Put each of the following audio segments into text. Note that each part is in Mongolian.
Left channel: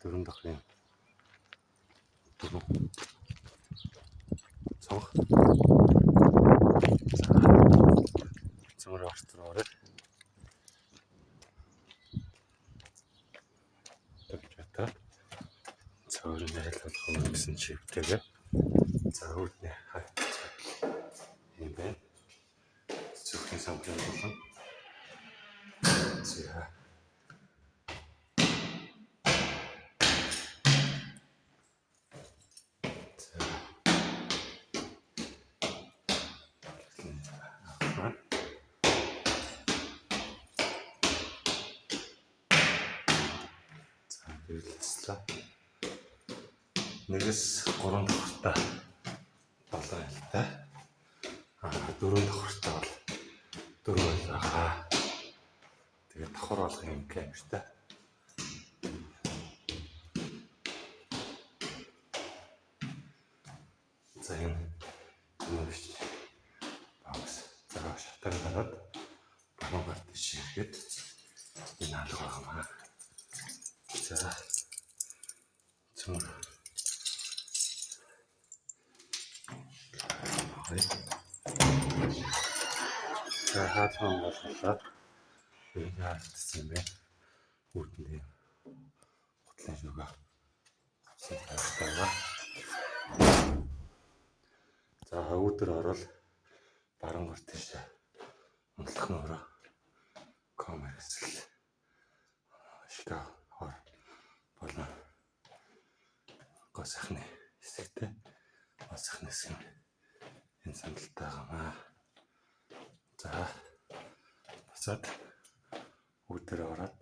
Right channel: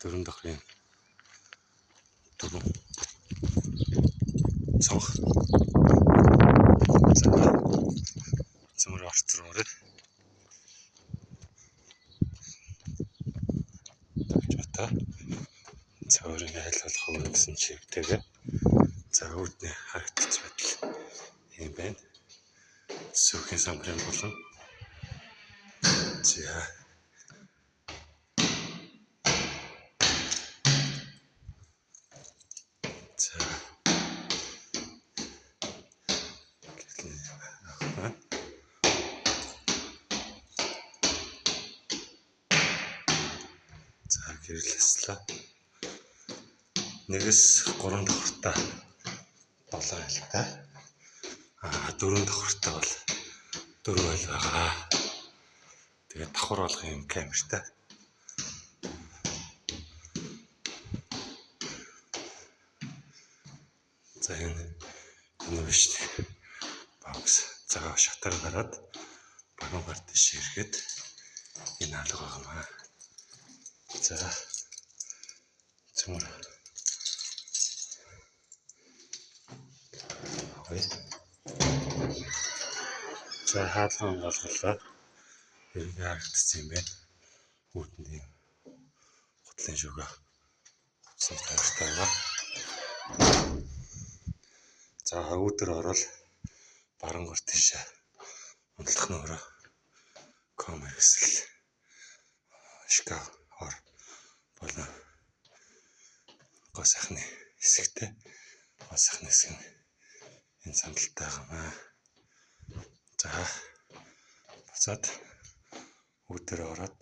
Дөрөв дахрын дөрөв цонх цөмөр орцроор тавьжата цөөрийн айл болох уу гэсэн чивтэйгээ за үүдний харагдц байдал юм байна. Сүхийн самбарын болон за гэрлэслээ. Нэгээс 3 давхартай 7 айлтай. 4 давхартай бол 4 айл байгаа. Тэгээд давхар болох юм камертай. За энэ биш бокс цагаан шатаар гараад баруун гар дэш ирэхэд энэ алга байгаа. За цөмөр за хаалхан болголоо. Ирэх харагдсан юм байна. Үүтэнд юм гутлын шүгэ авсан тавьтай байгаа. За үүдэр орол баруун гар дэшээ унтлах нөрөө камер хэсэл шкаф ор болон гоо сайхны хэсэгтэй гоо сайхны хэсэг нь энэ сандалтай байгаа. За буцаад үүдэр ороод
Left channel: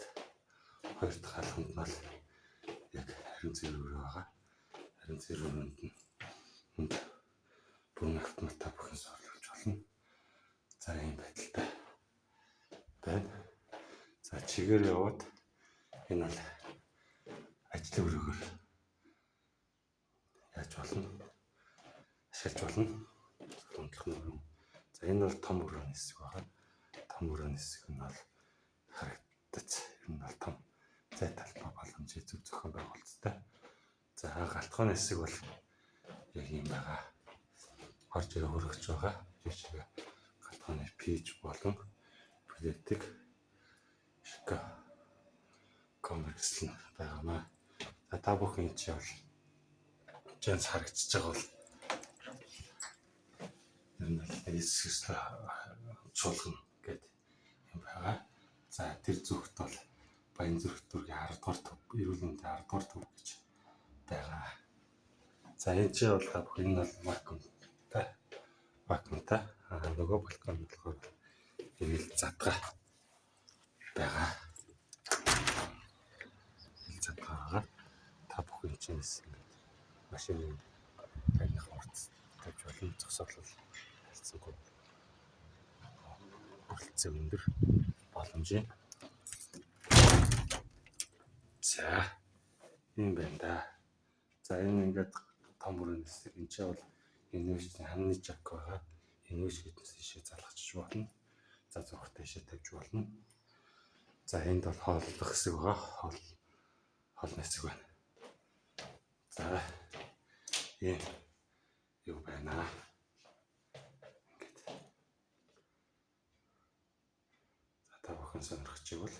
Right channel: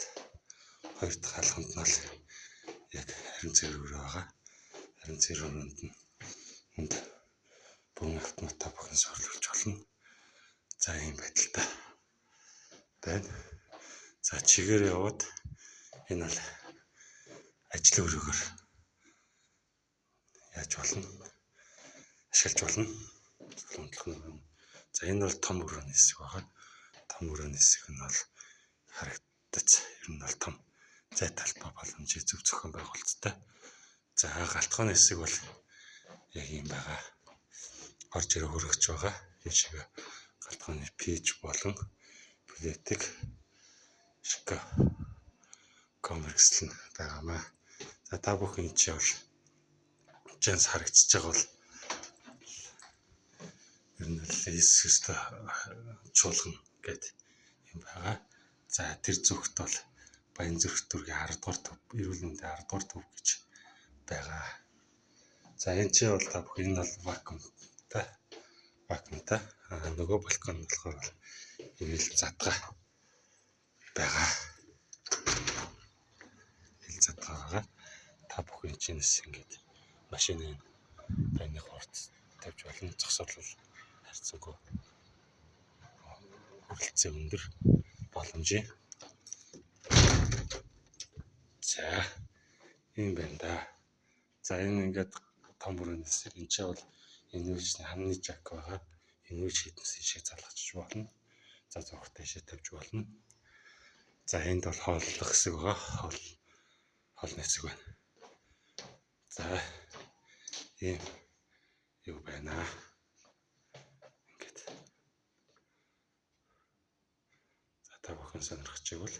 хоёр дахь хаалханд нь л яг харин зэрэг байгаа. Харин зэрэгүнд нь хүнд бүрэн автоматаа бүхэн сорлуулж болно. За ийм байдалтай байна. За чигээр яваад энэ бол ажлын өрөөгөр яаж болно? Ашиглаж болно. Солонгодлох нөрөө. За энэ бол том өрөөний хэсэг байгаа. Том өрөөний хэсэг нь бол харагдаж ер нь бол том зай талбай боломжийг зөв зохион байгуулалттай. За галтгооны хэсэг бол яг юм байгаа. Орж ирээ хөрөгч байгаа. Энэ шиг галтгооны пиж болон плетик шкаф комерцлэн байгаамаа. За та бүхэн чи бол чанс харагдчихж байгаа бол ер нь л эсэстэй чуулгана гэдэг юм байгаа. За тэр зүгт бол Баян зүрх дүүргийн 10 дугаар төв, эрүүл мэндийн 10 дугаар төв гэж байгаа. За энэ чи бол та бүхэн энэ бол вакуумтай нөгөө балкон болохоор ивэл задгаа байгаа. Ил задгаа байгаа. Та бүхэн чинээс ингэж машины таны хорц тавьж болно. Зогсоолол харьцангуй хүрэлцээ өндөр боломжийн. За юм байна да. За энэ ингээд том өрөөний хэсэг энэ ч бол энэ үйлчний хамны жак байгаа. Энэ үйлч хитнес шиг залгачж болно. За зургт дэшээ тавьж болно. За энд бол хооллох хэсэг байгаа. Хоолны хэсэг байна. За ийм юу байна. Ингээд. За та бүхэн сонирхож байвал